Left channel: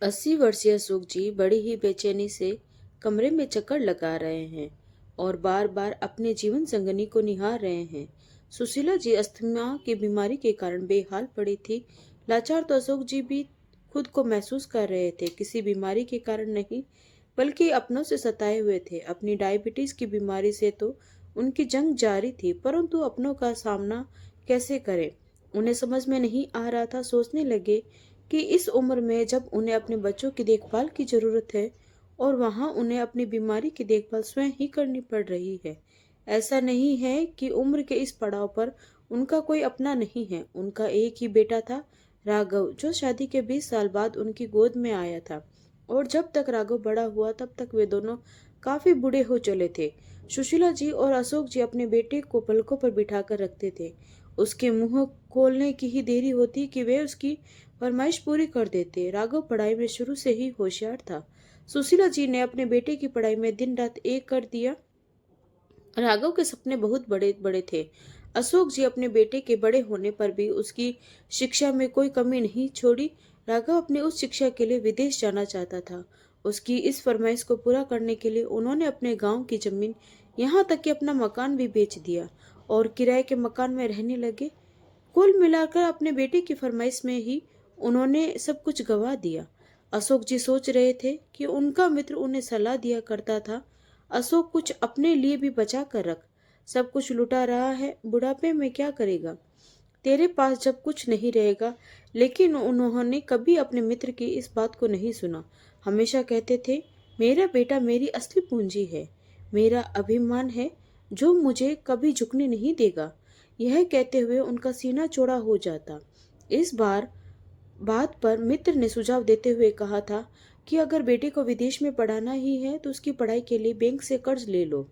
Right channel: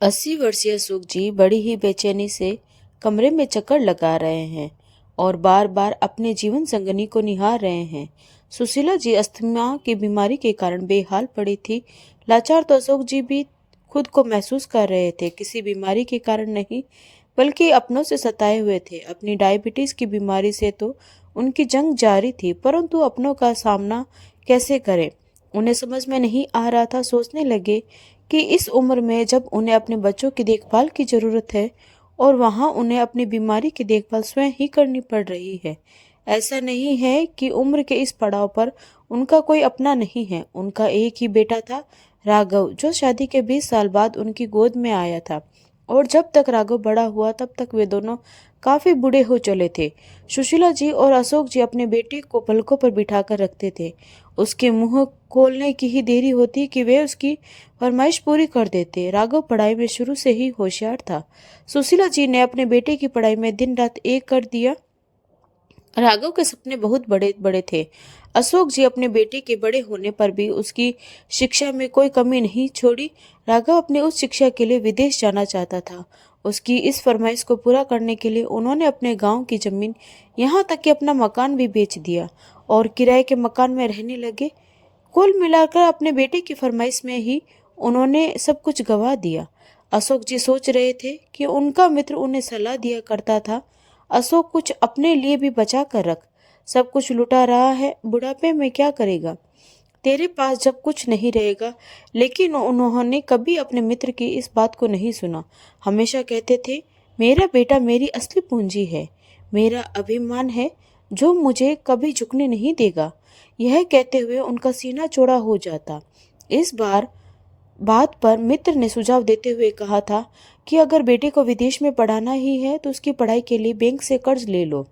80 वर्षीय सुख जी बड़ी ही बेचैनी से कमरे में चक्कर लगा रहे हैं और बार बार अपने जीवन संगनी को निहार रहे हैं। सुशीला जी अस्थमा की बीमारी के कारण बेहाल पड़ी थी। लाचार तो अशोक जी भी खुद को महसूस कर रहे थे, किसी बीमारी के कारण नहीं बल्कि अपनों से सताए हुए थे। अपनी डायबिटीज की बीमारी से तो उनकी जंग जारी थी, परंतु अपनों का सामना कैसे करें उन्हें समझ में नहीं आ रहा था। सोचने लगे कि इस उम्र में जब उन्हें अपने बच्चों की देखभाल की जरूरत है और वहां उन्हें अपनी बीमारी की देखभाल स्वयं ही करनी पड़ रही है। ऐसा नहीं है कि उम्र के इस पड़ाव पर उनका कोई अपना नहीं है। उनका एक ही बेटा था, राघव, जो शादी के 20 साल बाद उनकी गोद में आया था। और जब तक राघव बड़ा हुआ तब तक वे दोनों काफी बूढ़े हो चले थे। सुशीला जी और अशोक जी अपने बेटे को पलकों पर बिठाकर रखते थे। उसके मुंह खोलने की ही देरी होती कि वे उसकी फरमाइश पूरी कर देते। राघव पढ़ाई में शुरू से ही होशियार था। सुशीला जी ने अपने बेटे की पढ़ाई में दिन रात एक कर दिया। राघव के सपने बहुत बड़े बड़े थे। अशोक जी अपने बेटे के बड़े होने पर भी उसकी शिक्षा में कोई कमी नहीं छोड़ी। राघव अपने उच्च शिक्षा के लिए विदेश जाना चाहता था। उसकी इस फरमाइश को पूरा करने के लिए उन्होंने अपने गांव की जमीन, यहाँ तक कि अपना मकान भी बेच दिया और किराए के मकान में रहने लगे। कुल मिलाकर अपने बेटे की फरमाइश में ही उन्होंने सब कुछ गवा दिया। अशोक जी सोच रहे थे कि उनका मित्र उन्हें सलाह दिया करता था, अशोक कुछ अपने लिए भी बचा कर रख, सब कुछ लुटा रहा है, बुढ़ापे में क्या करेगा, तेरे पास जब कुछ नहीं रहेगा। लेकिन उन्होंने कभी अपने मित्र की इस बात को नहीं सुना। हमेशा कहते थे, मेरा बेटा मेरी असली पूंजी है, मेरा अभिमान है, जो मुझे कभी झुकने नहीं देगा। यह कहते हुए उनका सीना चौड़ा हो जाता। इस बात पर मित्र ने सुझाव देते हुए कहा था कि अगर बेटे को विदेश में पढ़ाना ही है तो उसकी पढ़ाई के लिए बैंक से कर्ज ले लो।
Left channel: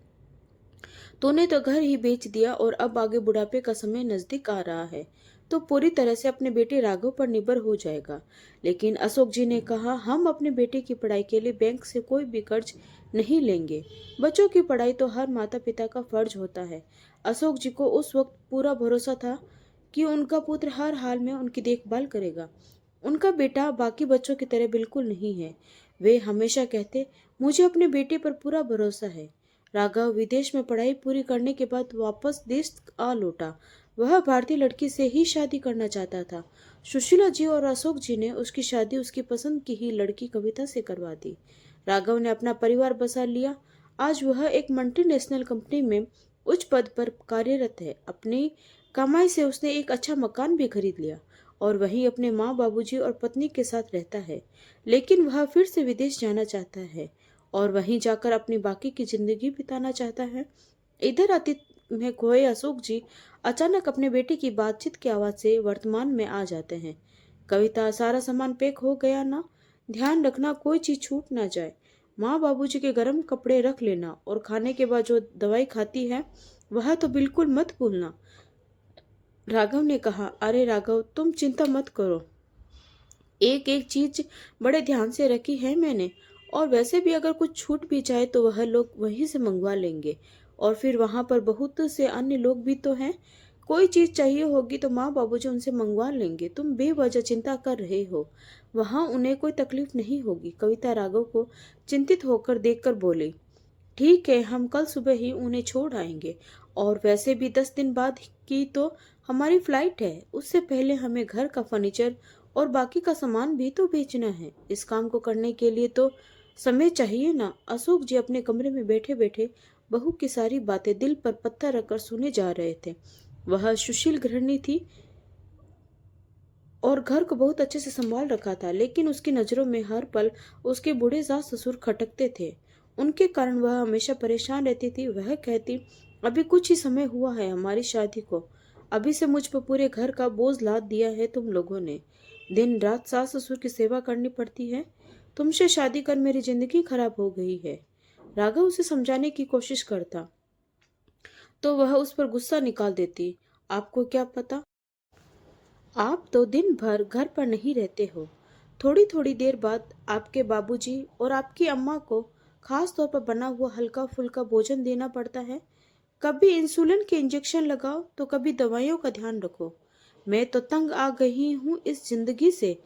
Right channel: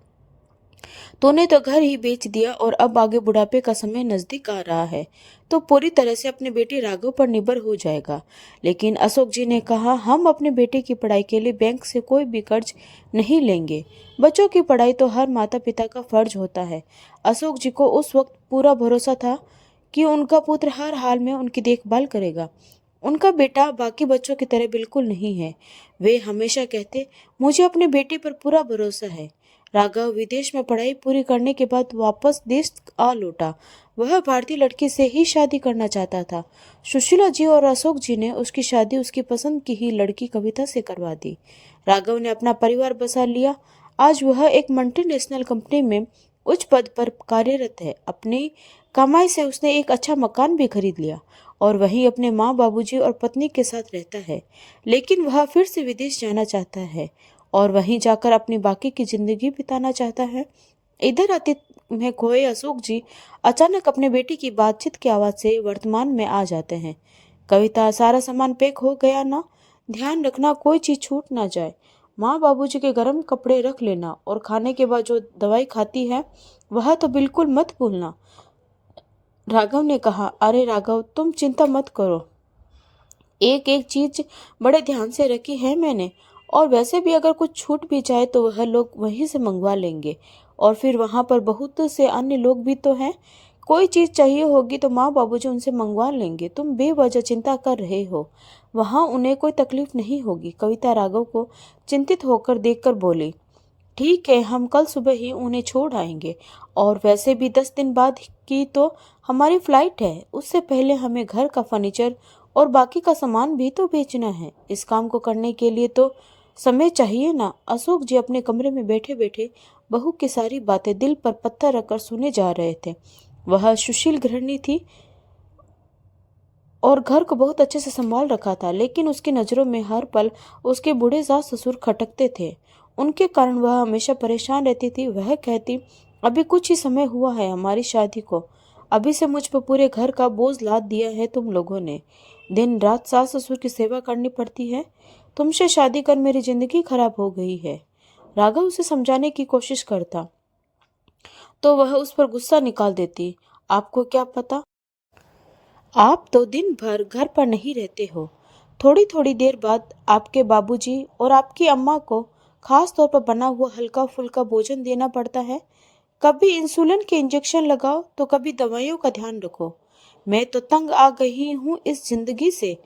तूने तो घर ही बेच दिया और अब आगे बुढ़ापे का समय नजदीक आ रहा है तो पूरी तरह से अपने बेटे राघव पर निर्भर हो जाएगा। लेकिन अशोक जी ने कहा, हम अपने बेटे की पढ़ाई के लिए बैंक से कोई भी कर्ज नहीं लेंगे। बच्चों की पढ़ाई तो हर माता पिता का फर्ज होता है। अशोक जी को उस वक्त पूरा भरोसा था कि उनका पुत्र हर हाल में उनकी देखभाल करेगा। उनका बेटा बाकी बच्चों की तरह बिल्कुल नहीं है। वे हमेशा कहते, मुझे अपने बेटे पर पूरा भरोसा है। राघव विदेश में पढ़ाई पूरी करने के बाद वापस देश आ लौटा। वह भारतीय लड़की से ही शादी करना चाहता था। सुशीला जी और अशोक जी ने उसकी शादी उसकी पसंद की ही लड़की कविता से करवा दी। राघव ने अपना परिवार बसा लिया। आज वह एक मल्टीनेशनल कंपनी में उच्च पद पर कार्यरत है। अपनी कमाई से उसने एक अच्छा मकान भी खरीद लिया और वहीं अपने माँ बाबूजी और पत्नी के साथ रहता है। लेकिन वह फिर से विदेश जाना चाहता है और वहीं जाकर अपनी बाकी की जिंदगी बिताना चाहता है। इधर अतीत में खोए अशोक जी अचानक अपने बेटे की बातचीत की आवाज से वर्तमान में आ जाते हैं। कविता, सारा सामान पैक हो गया ना? ध्यान रखना कोई चीज छूट ना जाए। माँ बाबूजी के गर्म कपड़े रख लेना और खाने के बाद जो दवाई खाती है वह तो बिल्कुल मत भूलना। राघव ने कहा, अरे राघव, तुम चिंता मत करो, एक एक चीज बड़े ध्यान से रखी है मैंने। और वैसे भी अगर कुछ छूट भी जाए तो वह लोग वहीं से मंगवा लेंगे और फिर वहां पर बहुत से अन्य लोग भी तो हैं। कोई चीज चाहिए होगी तो माँ बाबूजी उनसे मंगवा लेंगे। तुम बेवजह चिंता कर रहे हो, वहां उन्हें कोई तकलीफ नहीं होगी। कविता राघव को चिंतित होकर देखकर बोली, ठीक है, हम कल सुबह ही उन्हें छोड़ आएंगे। और वैसे भी 10 दिन बाद की तो हमारी फ्लाइट है, उससे पहले हमें घर का फर्नीचर और बाकी का सामान भी तो बेचना है। इस काम को करने के लिए तो समय चाहिए ना। अशोक जी अपने कमरे में बैठे बैठे बहू की सारी बातें दिल पर पत्थर रखकर सुने जा रहे थे। वह सुशील गृहिणी थी और घर को बहुत अच्छे से संभाल रखा था, लेकिन उसकी नजरों में हर पल उसके बूढ़े सास ससुर खटकते थे। उनके कारण वह हमेशा परेशान रहती थी। वह कहती, अभी कुछ ही समय हुआ है हमारी शादी को, अभी से मुझ पर पूरे घर का बोझ लाद दिया है तुम लोगों ने। दिन रात सास ससुर की सेवा करनी पड़ती है। तुमसे शादी कर मेरी जिंदगी खराब हो गई है। राघव उसे समझाने की कोशिश करता तो वह उस पर गुस्सा निकाल देती। आपको क्या पता, आप तो दिन भर घर पर नहीं रहते हो। थोड़ी थोड़ी देर बाद आपके बाबूजी और आपकी अम्मा को खास तौर पर बना हुआ हल्का फुल्का भोजन देना पड़ता है। कभी इंसुलिन के इंजेक्शन लगाओ तो कभी दवाइयों का ध्यान रखो। मैं तो तंग आ गई हूँ इस जिंदगी से।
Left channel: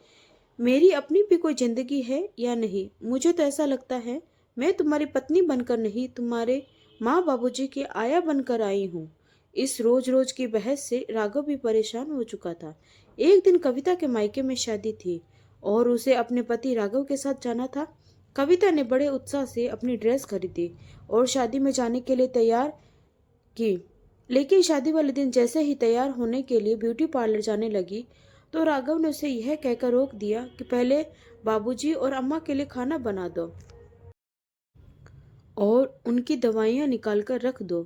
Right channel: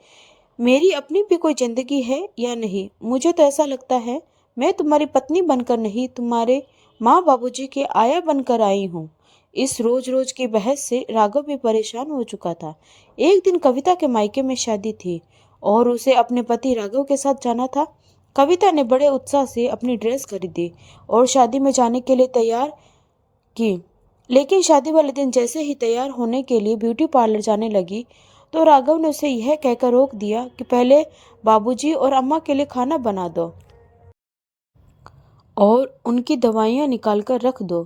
मेरी अपनी भी कोई जिंदगी है या नहीं? मुझे तो ऐसा लगता है मैं तुम्हारी पत्नी बनकर नहीं, तुम्हारे माँ बाबूजी के आया बनकर आई हूँ। इस रोज रोज की बहस से राघव भी परेशान हो चुका था। एक दिन कविता के मायके में शादी थी और उसे अपने पति राघव के साथ जाना था। कविता ने बड़े उत्साह से अपनी ड्रेस खरीदी और शादी में जाने के लिए तैयार की। लेकिन शादी वाले दिन जैसे ही तैयार होने के लिए ब्यूटी पार्लर जाने लगी तो राघव ने उसे यह कहकर रोक दिया कि पहले बाबूजी और अम्मा के लिए खाना बना दो और उनकी दवाइयाँ निकाल कर रख दो,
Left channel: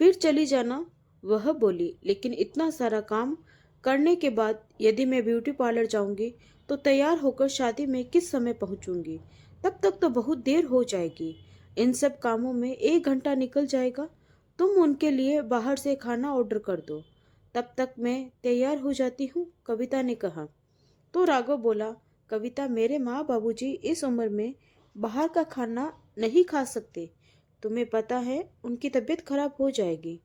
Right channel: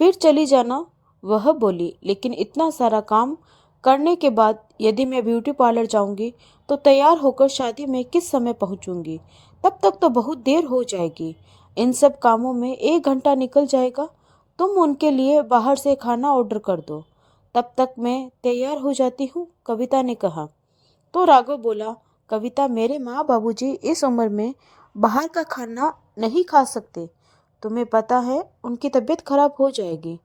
फिर चली जाना। वह बोली, लेकिन इतना सारा काम करने के बाद यदि मैं ब्यूटी पार्लर जाऊंगी तो तैयार होकर शादी में किस समय पहुंचूंगी? तब तक तो बहुत देर हो जाएगी। इन सब कामों में 1 घंटा निकल जाएगा। तुम उनके लिए बाहर से खाना ऑर्डर कर दो, तब तक मैं तैयार हो जाती हूँ, कविता ने कहा। तो राघव बोला, कविता, मेरे माँ बाबूजी इस उम्र में बाहर का खाना नहीं खा सकते। तुम्हें पता है उनकी तबीयत खराब हो जाएगी।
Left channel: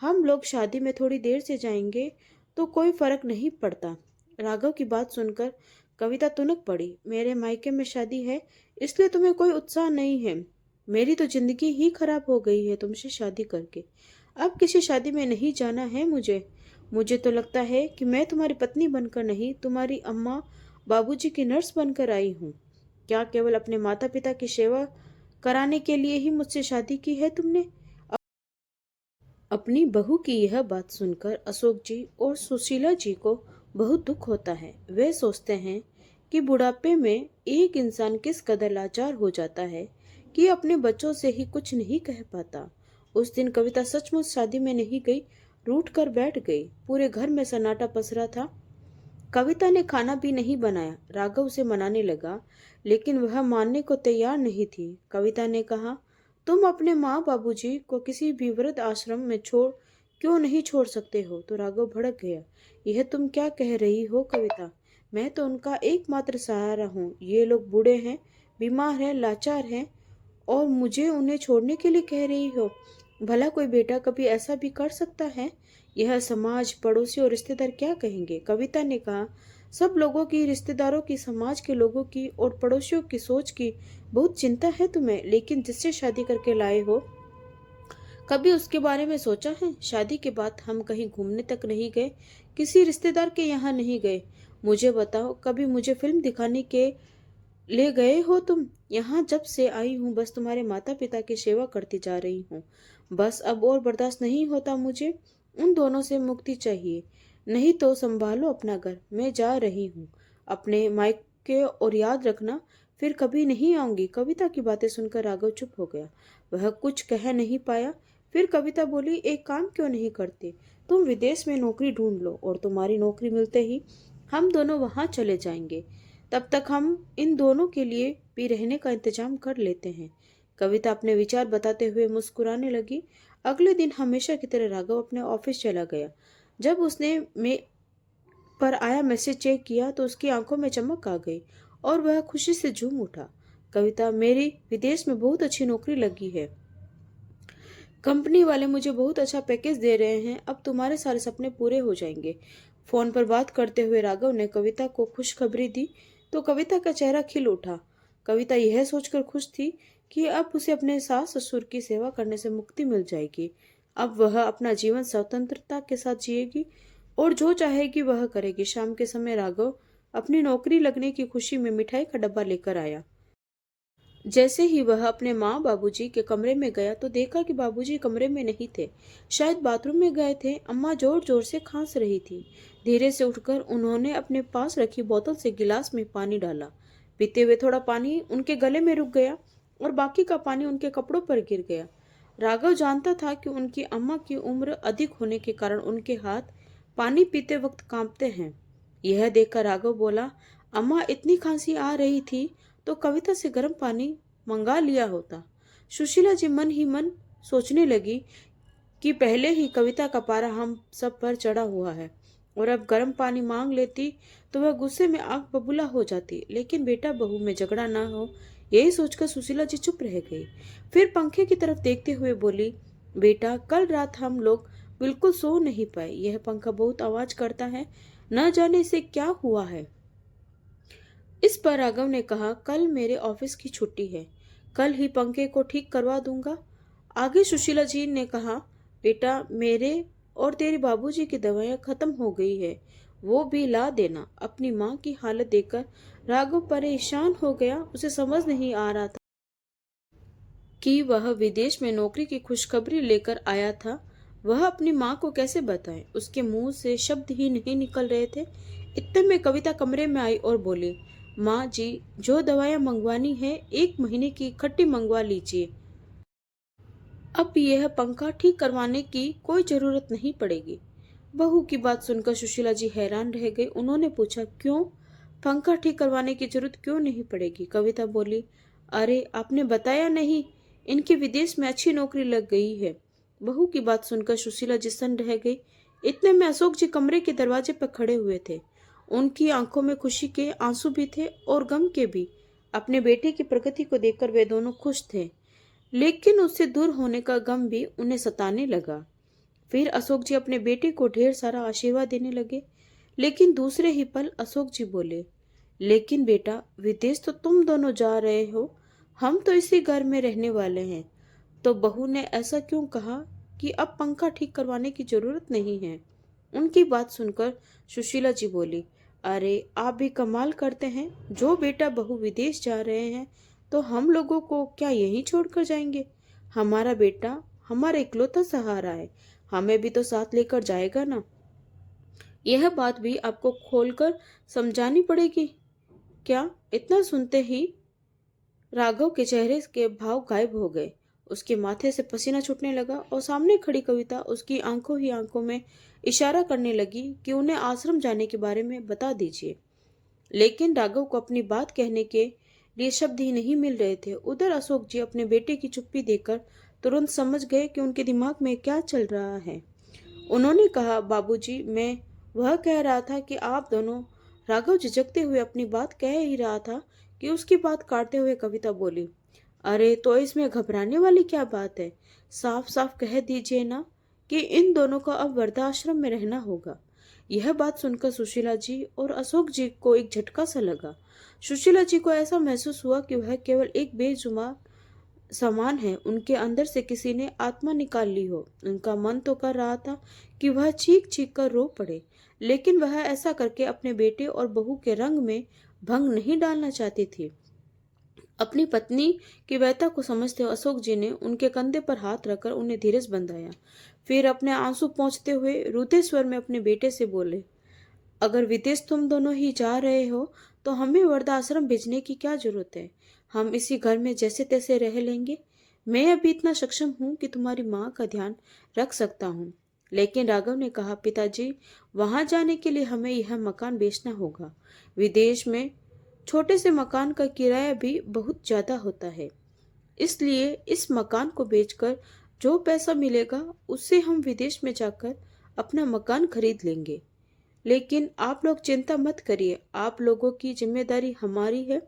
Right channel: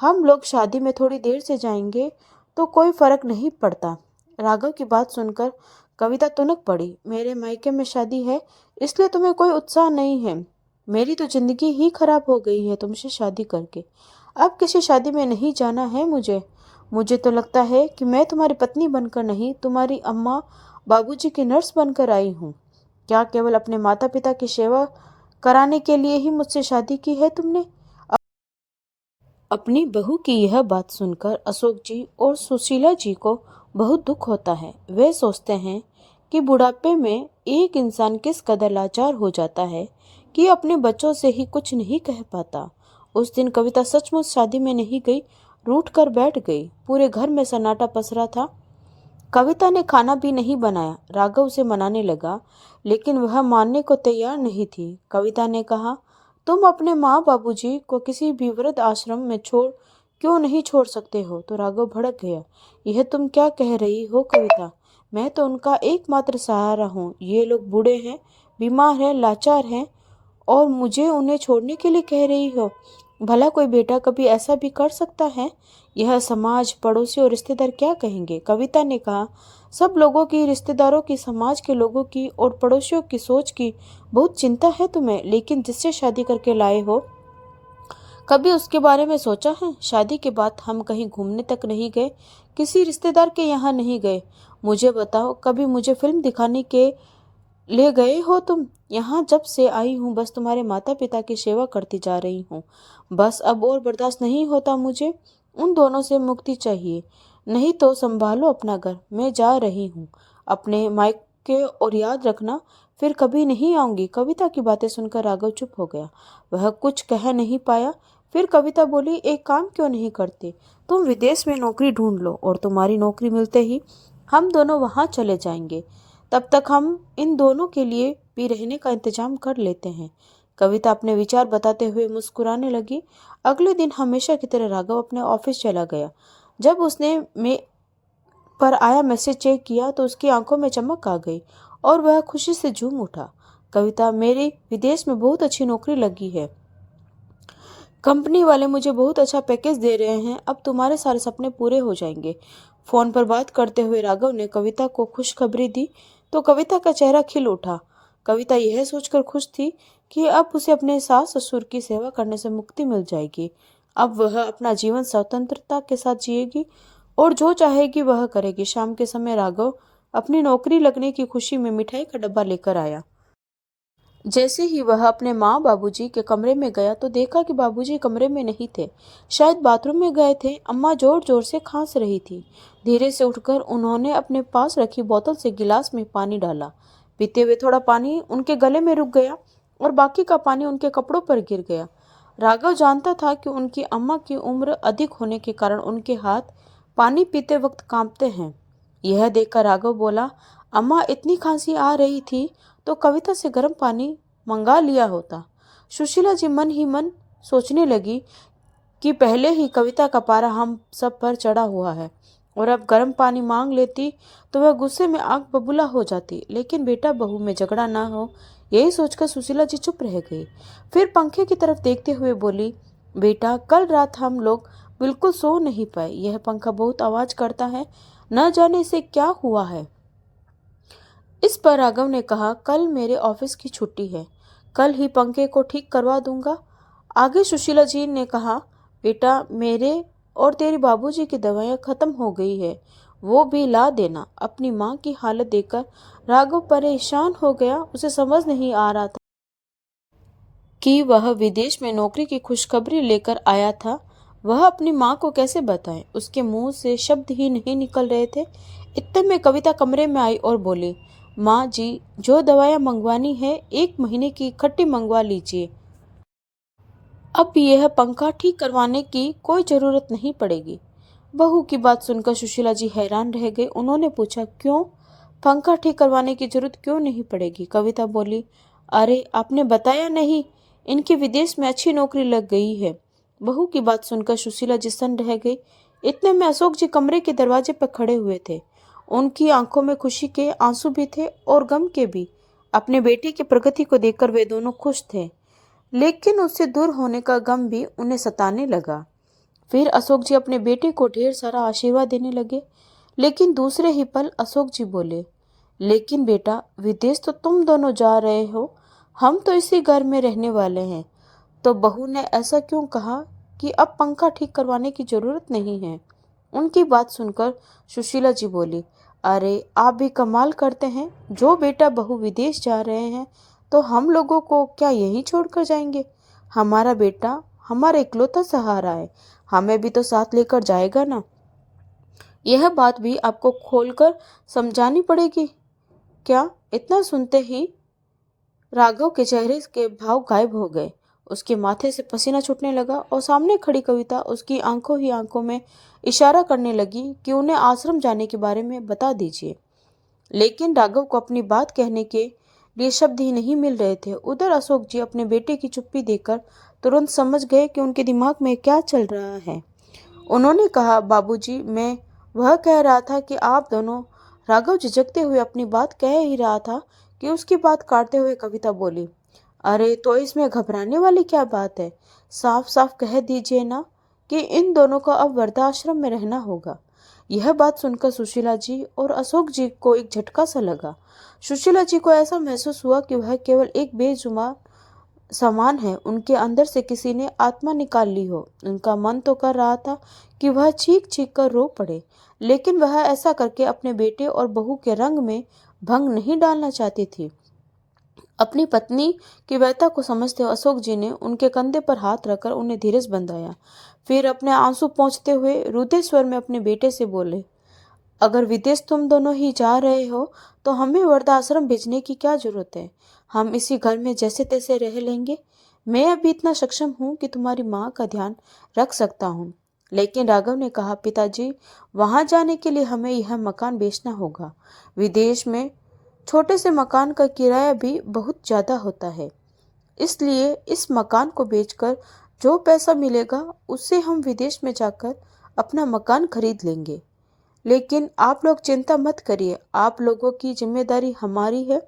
हम लोग शादी में थोड़ी देर से जाएंगे तो कोई फर्क नहीं पड़ता। राघव की बात सुनकर कविता तुनक पड़ी। मेरे मायके में शादी है इसलिए तुम्हें कोई उत्साह नहीं है? मेरी तो जिंदगी ही खराब हो गई है तुमसे शादी करके। अब किसी शादी में नहीं जाना है मुझे। मुझे तो लगता है कि मैं तुम्हारी पत्नी बनकर नहीं, तुम्हारी अम्मा बाबूजी की नर्स बनकर आई हूँ। क्या केवल अपने माता पिता की सेवा कराने के लिए ही मुझसे शादी की है तुमने? अपनी बहू की यह बात सुनकर अशोक जी और सुशीला जी को बहुत दुख होता है। वे सोचते हैं कि बुढ़ापे में एक इंसान किस कदर लाचार हो जाता है कि अपने बच्चों से ही कुछ नहीं कह पाता। उस दिन कविता सचमुच शादी में नहीं गई, रूठ कर बैठ गई। पूरे घर में सन्नाटा पसरा था। कविता ने खाना भी नहीं बनाया। राघव उसे मनाने लगा, लेकिन वह मानने को तैयार नहीं थी। कविता ने कहा, तुम अपने माँ बाबूजी को किसी भी वृद्ध आश्रम में क्यों नहीं छोड़ सकते हो? तो राघव भड़क गया। यह तुम क्या कह रही हो कविता? मैं तो उनका एकमात्र सहारा हूँ। ये लोग बूढ़े हैं, बीमार हैं, लाचार हैं और मुझे उन्हें छोड़ने के लिए कह रही हो? भला कोई बेटा कभी ऐसा भी कर सकता है? यह समाज, पड़ोसी और रिश्तेदार क्या कहेंगे? कविता ने कहा, सब लोगों की, रिश्तेदारों की, समाज के लोगों की और पड़ोसियों की सोच की बहुत चिंता है तुम्हें, लेकिन जिससे शादी करके लाए हो कभी उसके बारे में सोचा है? शादी के बाद हम कहीं घूमने तक नहीं गए, किसी रिश्तेदार के यहाँ नहीं गए। मुझे बताओ, कभी मुझे फिल्म दिखाने के ले गए हो तुम? यहाँ जब से आई हूँ बस तुम्हारे माता पिता की सेवा करती जा रही हूँ। बस अब और बर्दाश्त नहीं होता मुझे। उन दोनों से मुक्ति चाहिए। नहीं तो संभालो अपना घर, मैं जा रही हूँ अपने मायके, और याद रखना फिर कभी नहीं आऊंगी। कविता की बातें सुनकर राघव चुप हो गया। वह कुछ कह नहीं पाया। फिर कविता बोली, एक काम क्यों नहीं करते? तुम विदेश में नौकरी ढूंढ लो और तुम्हारी नौकरी मिलते ही हम दोनों वहां चले जाएंगे। तब तक हम इन दोनों के लिए भी रहने का इंतजाम कर लेते हैं। कविता अपने विचार बताते हुए मुस्कुराने लगी। अगले दिन हमेशा की तरह राघव अपने ऑफिस चला गया। जब उसने पर आया मैसेज चेक किया तो उसकी आंखों में चमक आ गई और वह खुशी से झूम उठा। कविता, मेरी विदेश में बहुत अच्छी नौकरी लगी है। कंपनी वाले मुझे बहुत अच्छा पैकेज दे रहे हैं। अब तुम्हारे सारे सपने पूरे हो जाएंगे। फोन पर बात करते हुए राघव ने कविता को खुशखबरी दी तो कविता का चेहरा खिल उठा। कविता यह सोचकर खुश थी कि अब उसे अपने सास ससुर की सेवा करने से मुक्ति मिल जाएगी। अब वह अपना जीवन स्वतंत्रता के साथ जिएगी और जो चाहेगी वह करेगी। शाम के समय राघव अपनी नौकरी लगने की खुशी में मिठाई का डब्बा लेकर आया। जैसे ही वह अपने माँ बाबूजी के कमरे में गया तो देखा कि बाबूजी कमरे में नहीं थे, शायद बाथरूम में गए थे। अम्मा जोर जोर से खांस रही थी। धीरे से उठकर उन्होंने अपने पास रखी बोतल से गिलास में पानी डाला। पीते हुए थोड़ा पानी उनके गले में रुक गया और बाकी का पानी उनके कपड़ों पर गिर गया। राघव जानता था कि उनकी अम्मा की उम्र अधिक होने के कारण उनके हाथ पानी पीते वक्त कांपते हैं। यह देखकर राघव बोला, अम्मा, इतनी खांसी आ रही थी तो कविता से गर्म पानी मंगा लिया होता। सुशीला जी मन ही मन सोचने लगी कि पहले ही कविता का पारा हम सब पर चढ़ा हुआ है और अब गर्म पानी मांग लेती तो वह गुस्से में आग बबूला हो जाती। लेकिन बेटा बहू में झगड़ा ना हो, यही सोचकर सुशीला जी चुप रह गई। फिर पंखे की तरफ देखते हुए बोली, बेटा, कल रात हम लोग बिल्कुल सो नहीं पाए। यह पंखा बहुत आवाज करता है, न जाने इसे क्या हुआ है। इस पर राघव ने कहा, कल मेरे ऑफिस की छुट्टी है, कल ही पंखे को ठीक करवा दूंगा। आगे सुशीला जी ने कहा, बेटा मेरे और तेरे बाबूजी की दवाइयाँ खत्म हो गई है, वो भी ला देना। अपनी माँ की हालत देखकर राघव परेशान हो गया। उसे समझ नहीं आ रहा था कि वह विदेश में नौकरी की खुशखबरी लेकर आया था। वह अपनी माँ को कैसे बताए? उसके मुंह से शब्द ही नहीं निकल रहे थे। इतने में कविता कमरे में आई और बोली, माँ जी, जो दवाइयाँ मंगवानी है 1 महीने की इकट्ठी मंगवा लीजिए। अब यह पंखा ठीक करवाने की कोई जरूरत नहीं पड़ेगी। बहू की बात सुनकर सुशीला जी हैरान रह गई। उन्होंने पूछा, क्यों? पंखा ठीक करवाने की जरूरत क्यों नहीं पड़ेगी? कविता बोली, अरे आपने बताया नहीं, इनके विदेश में अच्छी नौकरी लग गई है। बहू की बात सुनकर सुशीला जी सन्न रह गई। इतने में अशोक जी कमरे के दरवाजे पर खड़े हुए थे। उनकी आंखों में खुशी के आंसू भी थे और गम के भी। अपने बेटे की प्रगति को देखकर वे दोनों खुश थे, लेकिन उससे दूर होने का गम भी उन्हें सताने लगा। फिर अशोक जी अपने बेटे को ढेर सारा आशीर्वाद देने लगे, लेकिन दूसरे ही पल अशोक जी बोले, लेकिन बेटा, विदेश तो तुम दोनों जा रहे हो, हम तो इसी घर में रहने वाले हैं। तो बहू ने ऐसा क्यों कहा कि अब पंखा ठीक करवाने की जरूरत नहीं है? उनकी बात सुनकर सुशीला जी बोली, अरे आप भी कमाल करते हैं। जो बेटा बहू विदेश जा रहे हैं तो हम लोगों को क्या यहीं छोड़कर जाएंगे? हमारा बेटा हमारा इकलौता सहारा है, हमें भी तो साथ लेकर जाएगा ना। यह बात भी आपको खोलकर समझानी पड़ेगी क्या? इतना सुनते ही राघव के चेहरे के भाव गायब हो गए। उसके माथे से पसीना छूटने लगा और सामने खड़ी कविता उसकी आंखों ही आंखों में इशारा करने लगी कि उन्हें आश्रम जाने के बारे में बता दीजिए। लेकिन राघव को अपनी बात कहने के लिए शब्द ही नहीं मिल रहे थे। उधर अशोक जी अपने बेटे की चुप्पी देखकर तुरंत समझ गए कि उनके दिमाग में क्या चल रहा है। उन्होंने कहा, बाबूजी, मैं वह कह रहा था कि आप दोनों। राघव झिझकते हुए अपनी बात कह ही रहा था कि उसकी बात काटते हुए कविता बोली, अरे तो इसमें घबराने वाली क्या बात है? साफ साफ कह दीजिए ना कि इन दोनों को अब वृद्धाश्रम में रहना होगा। यह बात सुनकर सुशीला जी और अशोक जी को एक झटका सा लगा। सुशीला जी को ऐसा महसूस हुआ कि वह केवल एक बेजुबान समान है। उनके अंदर से किसी ने आत्मा निकाल ली हो। उनका मन तो कर रहा था कि वह चीख चीख कर रो पड़े, लेकिन वह ऐसा करके अपने बेटे और बहू के रंग में भंग नहीं डालना चाहती थी। अपनी पत्नी की व्यथा को समझते हुए अशोक जी ने उनके कंधे पर हाथ रखकर उन्हें धीरज बंधाया। फिर अपने आंसू पोंछते हुए रुदे स्वर में अपने बेटे से बोले, अगर विदेश तुम दोनों ही जा रहे हो तो हमें वृद्धाश्रम भेजने की क्या जरूरत है? हम इसी घर में जैसे तैसे रह लेंगे। मैं अभी इतना सक्षम हूँ कि तुम्हारी माँ का ध्यान रख सकता हूँ। लेकिन राघव ने कहा, पिताजी, वहां जाने के लिए हमें यह मकान बेचना होगा। विदेश में छोटे से मकान का किराया भी बहुत ज्यादा होता है, इसलिए इस मकान को बेचकर जो पैसा मिलेगा उससे हम विदेश में जाकर अपना मकान खरीद लेंगे। लेकिन आप लोग चिंता मत करिए, आप लोगों की जिम्मेदारी हमारी है,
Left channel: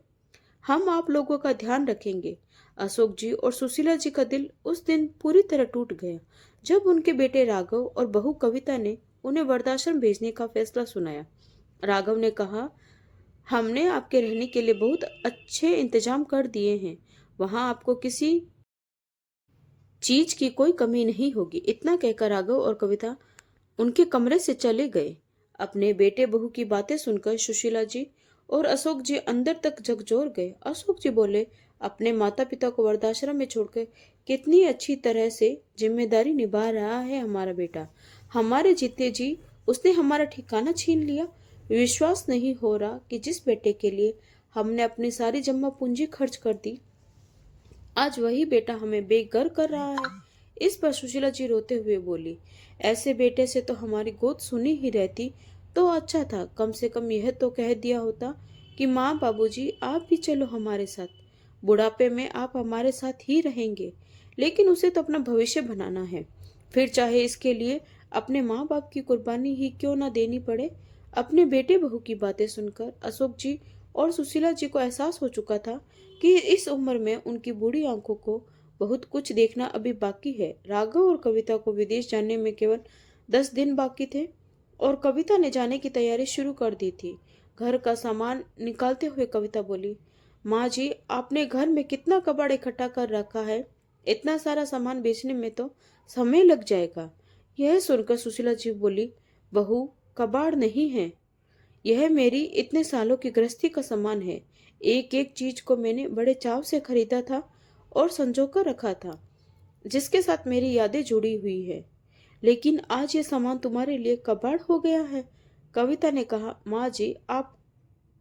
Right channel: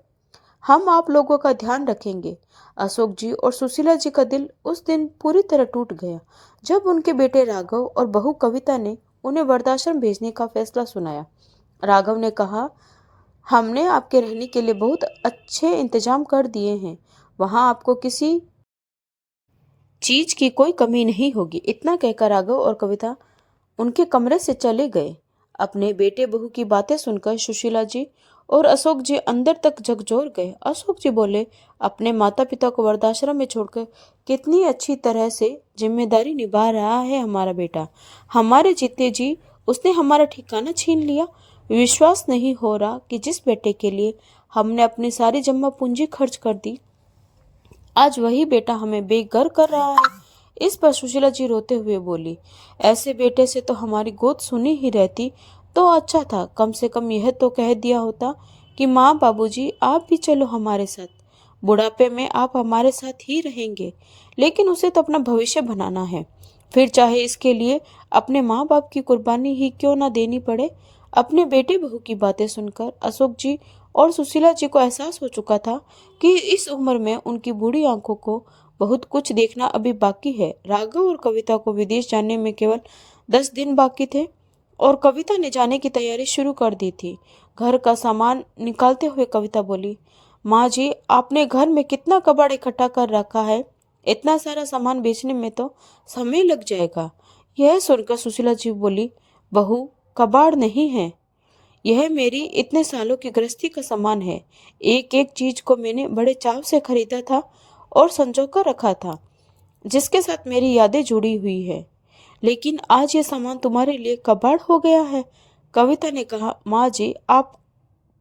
हम आप लोगों का ध्यान रखेंगे। अशोक जी और सुशीला जी का दिल उस दिन पूरी तरह टूट गया जब उनके बेटे राघव और बहू कविता ने उन्हें वृद्धाश्रम भेजने का फैसला सुनाया। राघव ने कहा, हमने आपके रहने के लिए बहुत अच्छे इंतजाम कर दिए हैं, वहां आपको किसी चीज की कोई कमी नहीं होगी। इतना कहकर राघव और कविता उनके कमरे से चले गए। अपने बेटे बहू की बातें सुनकर सुशीला जी और अशोक जी अंदर तक झकझोर गए। अशोक जी बोले, अपने माता पिता को वृद्धाश्रम में छोड़कर कितनी अच्छी तरह से जिम्मेदारी निभा रहा है हमारा बेटा। हमारे जीते जी उसने हमारा ठिकाना छीन लिया। विश्वास नहीं हो रहा कि जिस बेटे के लिए हमने अपनी सारी जमा पूंजी खर्च कर दी, आज वही बेटा हमें बेघर कर रहा है। इस पर सुशीला जी रोते हुए बोली, ऐसे बेटे से तो हमारी गोद सुनी ही रहती तो अच्छा था। कम से कम यह तो कह दिया होता कि माँ, बाबूजी, आप भी चलो हमारे साथ, बुढ़ापे में आप हमारे साथ ही रहेंगे। लेकिन उसे तो अपना भविष्य बनाना है, फिर चाहे इसके लिए अपने माँ बाप की कुर्बानी ही क्यों ना देनी पड़े। अपने बेटे बहू की बातें सुनकर अशोक जी और सुशीला जी को एहसास हो चुका था कि इस उम्र में उनकी बूढ़ी आंखों को बहुत कुछ देखना अभी बाकी है। राघव और कविता को विदेश जाने में केवल 10 दिन बाकी थे और कविता ने जाने की तैयारी शुरू कर दी थी। घर का सामान निकालते हुए कविता बोली, माँ जी, आपने घर में कितना कबाड़ इकट्ठा कर रखा है। इतना सारा सामान बेचने में तो समय लग जाएगा। यह सुनकर सुशीला जी बोली, बहू, कबाड़ नहीं है, यह मेरी इतने सालों की गृहस्थी का सामान है। एक एक चीज को मैंने बड़े चाव से खरीदा था और संजो कर रखा था, जिसके साथ मेरी यादें जुड़ी हुई है। लेकिन आज ये सामान तुम्हारे लिए कबाड़ हो गया है। कविता ने कहा, माँ जी, आप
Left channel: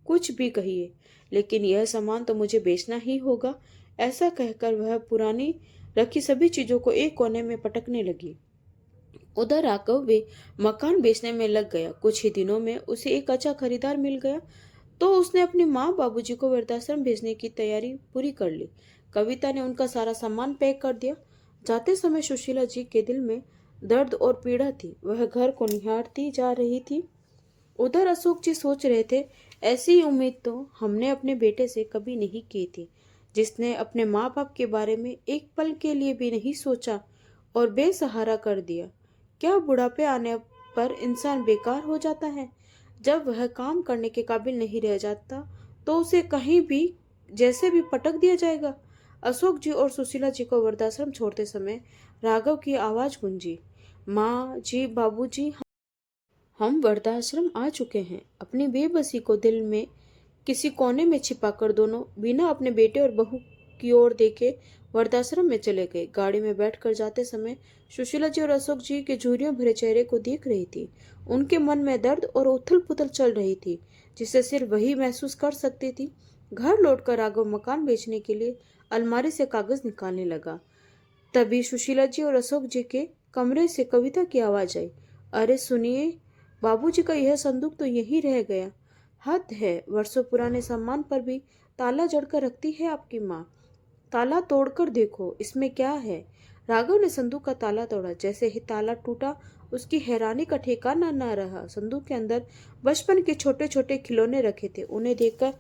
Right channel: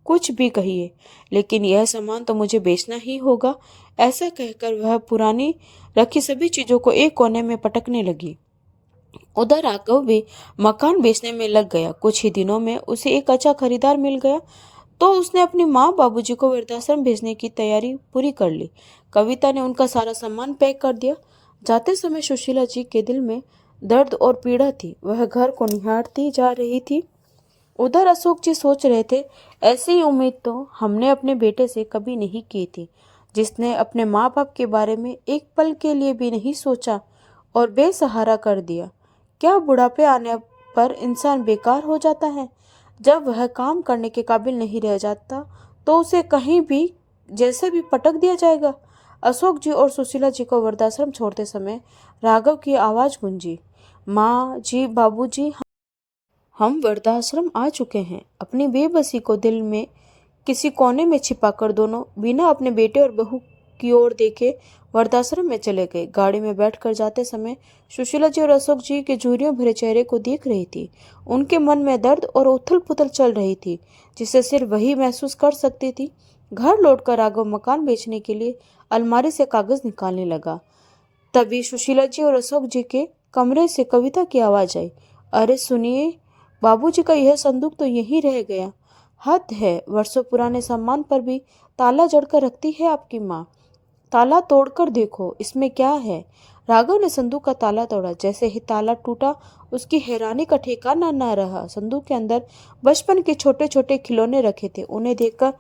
कुछ भी कहिए, लेकिन यह सामान तो मुझे बेचना ही होगा। ऐसा कहकर वह पुरानी रखी सभी चीजों को एक कोने में पटकने लगी। उधर राघव भी मकान बेचने में लग गया। कुछ ही दिनों में उसे एक अच्छा खरीदार मिल गया, तो उसने अपनी माँ बाबूजी को वृद्धाश्रम भेजने की तैयारी पूरी कर ली। कविता ने उनका सारा सामान पैक कर दिया। जाते समय सुशीला जी के दिल में दर्द और पीड़ा थी। वह घर को निहारती जा रही थी। उधर अशोक जी सोच रहे थे, ऐसी उम्मीद तो हमने अपने बेटे से कभी नहीं की थी, जिसने अपने माँ बाप के बारे में एक पल के लिए भी नहीं सोचा और बेसहारा कर दिया। क्या बुढ़ापे आने पर इंसान बेकार हो जाता है? जब वह काम करने के काबिल नहीं रह जाता तो उसे कहीं भी जैसे भी पटक दिया जाएगा। अशोक जी और सुशीला जी को वृद्धाश्रम छोड़ते समय राघव की आवाज गूंजी, माँ जी, बाबूजी, हम वृद्धाश्रम आ चुके हैं। अपनी बेबसी को दिल में किसी कोने में छिपाकर दोनों बिना अपने बेटे और बहू की ओर देखे वृद्धाश्रम में चले गए। गाड़ी में बैठकर जाते समय सुशीला जी और अशोक जी के झुर्रियों भरे चेहरे को देख रही थी। उनके मन में दर्द और उथल पुथल चल रही थी, जिसे सिर्फ वही महसूस कर सकती थी। घर लौटकर राघव मकान बेचने के लिए अलमारी से कागज निकालने लगा। तभी सुशीला जी और अशोक जी के कमरे से कविता की आवाज आई, अरे सुनिए, बाबूजी का यह संदूक तो यहीं रह गया। हद है, वर्षों पुराने सामान पर भी ताला जड़कर रखती है आपकी माँ। ताला तोड़कर देखो, इसमें क्या है। राघव ने संदूक का ताला तोड़ा। जैसे ही ताला टूटा, उसकी हैरानी का ठिकाना न रहा। संदूक के अंदर बचपन के छोटे छोटे खिलौने रखे थे। उन्हें देखकर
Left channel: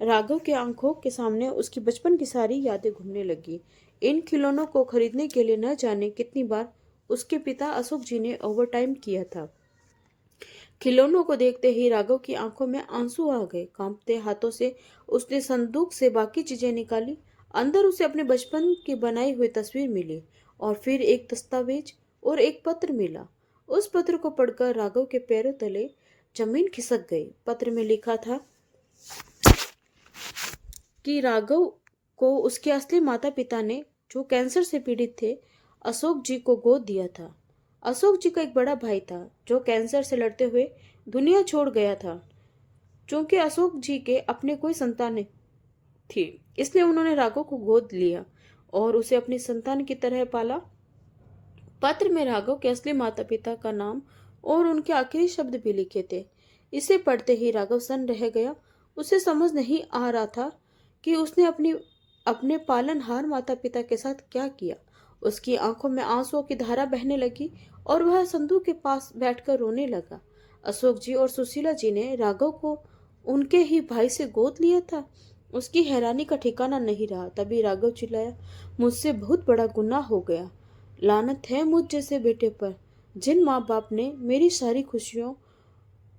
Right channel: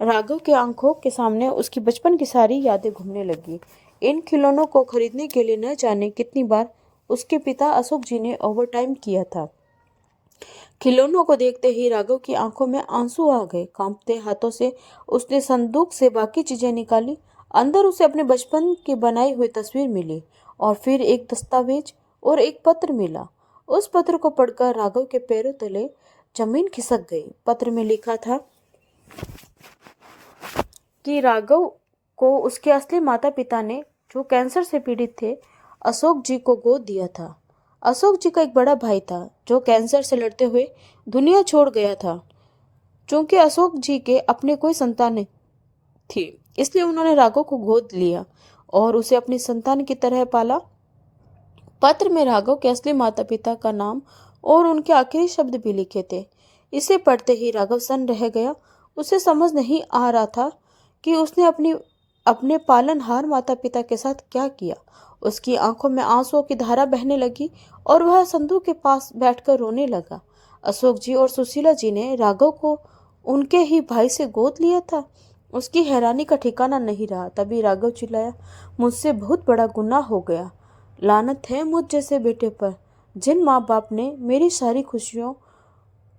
राघव के आंखों के सामने उसकी बचपन की सारी यादें घूमने लगी। इन खिलौनों को खरीदने के लिए न जाने कितनी बार उसके पिता अशोक जी ने ओवरटाइम किया था। खिलौनों को देखते ही राघव की आंखों में आंसू आ गए। कांपते हाथों से उसने संदूक से बाकी चीजें निकाली। अंदर उसे अपने बचपन की बनाई हुई तस्वीर मिली और फिर एक दस्तावेज और एक पत्र मिला। उस पत्र को पढ़कर राघव के पैरों तले जमीन खिसक गई। पत्र में लिखा था कि राघव को उसके असली माता पिता ने, जो कैंसर से पीड़ित थे, अशोक जी को गोद दिया था। अशोक जी का एक बड़ा भाई था जो कैंसर से लड़ते हुए दुनिया छोड़ गया था। क्योंकि अशोक जी के अपने कोई संतान नहीं थी, इसलिए उन्होंने राघव को गोद लिया और उसे अपनी संतान की तरह पाला। पत्र में राघव के असली माता पिता का नाम और उनके आखिरी शब्द भी लिखे थे। इसे पढ़ते ही राघव सन्न रह गया। उसे समझ नहीं आ रहा था कि उसने अपने पालनहार माता पिता के साथ क्या किया। उसकी आंखों में आंसुओं की धारा बहने लगी और वह संदूक के पास बैठकर रोने लगा। अशोक जी और सुशीला जी ने राघव को उनके ही भाई से गोद लिया था। उसकी हैरानी का ठिकाना नहीं रहा। तभी राघव चिल्लाया, मुझसे बहुत बड़ा गुनाह हो गया। लानत है मुझ जैसे बेटे पर, जिन माँ बाप ने मेरी सारी खुशियों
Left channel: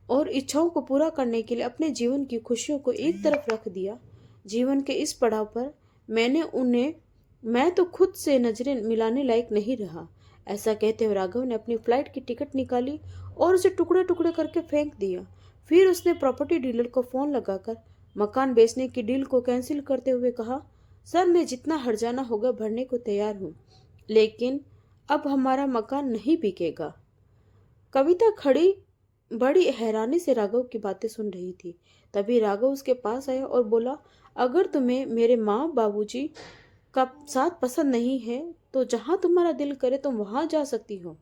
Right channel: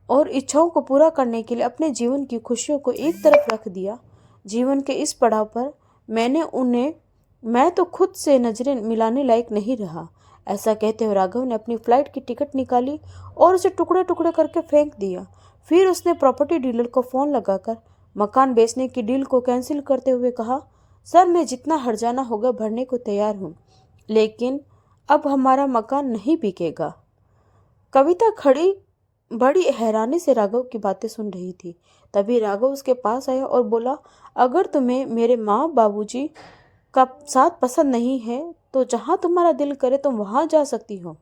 और इच्छाओं को पूरा करने के लिए अपने जीवन की खुशियों को एक तरफ रख दिया। जीवन के इस पड़ाव पर मैं तो खुद से नजरें मिलाने लायक नहीं रहा। ऐसा कहते हुए राघव ने अपनी फ्लाइट की टिकट निकाली और उसे टुकड़े टुकड़े करके फेंक दिया। फिर उसने प्रॉपर्टी डीलर को फोन लगाकर मकान बेचने की डील को कैंसिल करते हुए कहा, सर, मैं जितना हर्जाना होगा भरने को तैयार हूँ, लेकिन अब हमारा मकान नहीं बिकेगा। कविता खड़ी बड़ी हैरानी से राघव की बातें सुन रही थी। तभी राघव उसके पास आया और बोला, अगर तुम्हें मेरे माँ बाबूजी का साथ पसंद नहीं है तो जहाँ तुम्हारा दिल करे तुम वहां जा सकती हो,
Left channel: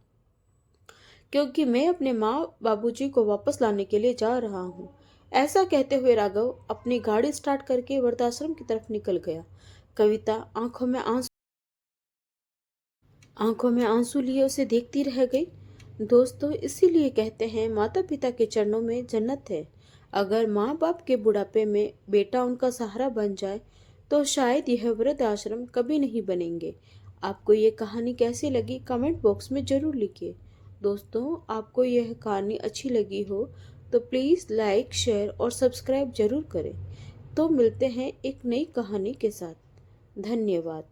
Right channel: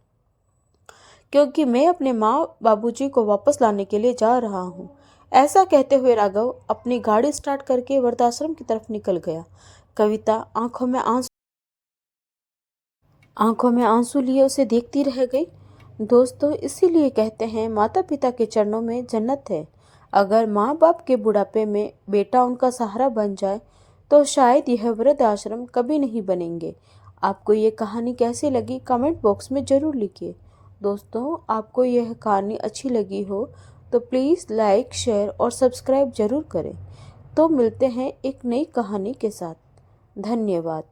क्योंकि मैं अपने माँ बाबूजी को वापस लाने के लिए जा रहा हूँ। ऐसा कहते हुए राघव अपनी गाड़ी स्टार्ट करके वृद्धाश्रम की तरफ निकल गया। कविता आंखों में आंसू लिए उसे देखती रह गई। दोस्तों, इसीलिए कहते हैं माता पिता के चरणों में जन्नत है। अगर माँ बाप के बुढ़ापे में बेटा उनका सहारा बन जाए तो शायद यह वृद्ध आश्रम कभी नहीं बनेंगे। आपको ये कहानी कैसी लगी कमेंट बॉक्स में ज़रूर लिखिए। दोस्तों, आपको यह कहानी अच्छी लगी हो तो प्लीज़ लाइक, शेयर और सब्सक्राइब ज़रूर करें। तो मिलते हैं एक नई कहानी के साथ। धन्यवाद।